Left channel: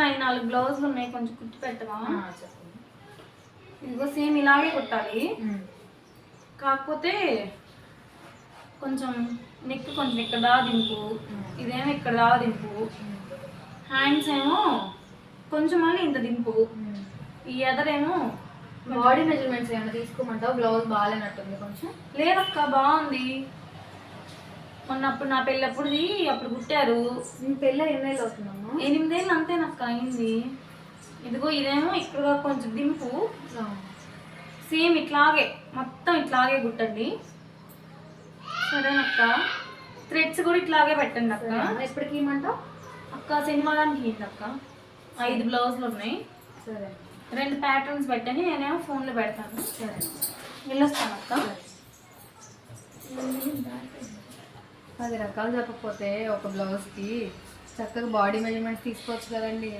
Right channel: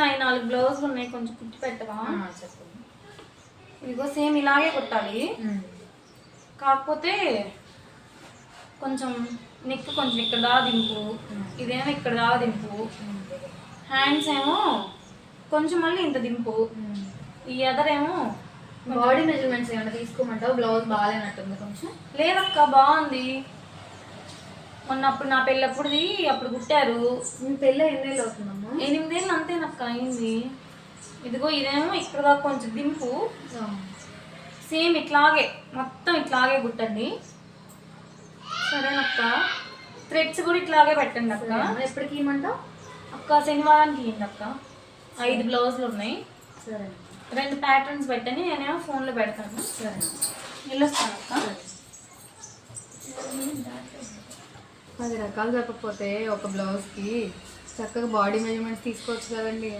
నాయి 4 బ్లౌజులు ఉన్నాయి, కొంచెం కుట్టి పెట్టవా? చెప్పండి. ఇదిగో సేమ్ ఇలాగే కుట్టాలి, కాకపోతే కొంచెం నెక్ కొంచెం ఇక్కడ దా దింపు, ఇదేమో ఇక్కడ దా దింపు, హ్యాండ్స్ ఏమో కొంచెం మళ్ళీ ఇంత దింపు, ఈ ఎదరేమో. బాడీ మెజర్మెంట్స్ ఏమైనా తీసుకోమంటావు? బ్లౌజ్ బాగాలేనట్టుంది కొంచెం. లేదక్క బాగుంది, మొన్నప్పుడు నా పెళ్ళప్పుడుది అప్పుడు కుట్టారు. మీ పెళ్ళి ఎన్నేళ్ళు అవుతుందమ్మా? 8 ఏళ్ళు అంతేనక్క అయింది. ఇదిగో ఇదేమో ఇక్కడ కొంచెం దింపు, సేమ్ ఇట్లాగే మొత్తం ఇట్లాగే కుట్టండి సరేనక్క. థ్రెడ్స్ కూడా ఇట్లాగే పెట్టండి అక్క. ఎప్పటికి ఇవ్వమంటావు అక్క? శనివారానికి ఇవ్వండి అక్క. 5 బ్లౌజులు ఉన్నాయి. సరే. 2 ప్యాటర్న్స్ పెట్టండి, నేనేమో ఫోన్లో పెడతాను. సరే, వెళ్ళొస్తాను అక్క. 10 రకాలు చెప్పకపోతే ఒక బ్లౌజ్కి చక్కగా బాడీ మెజర్మెంట్స్ తీసుకోవచ్చు కదండి.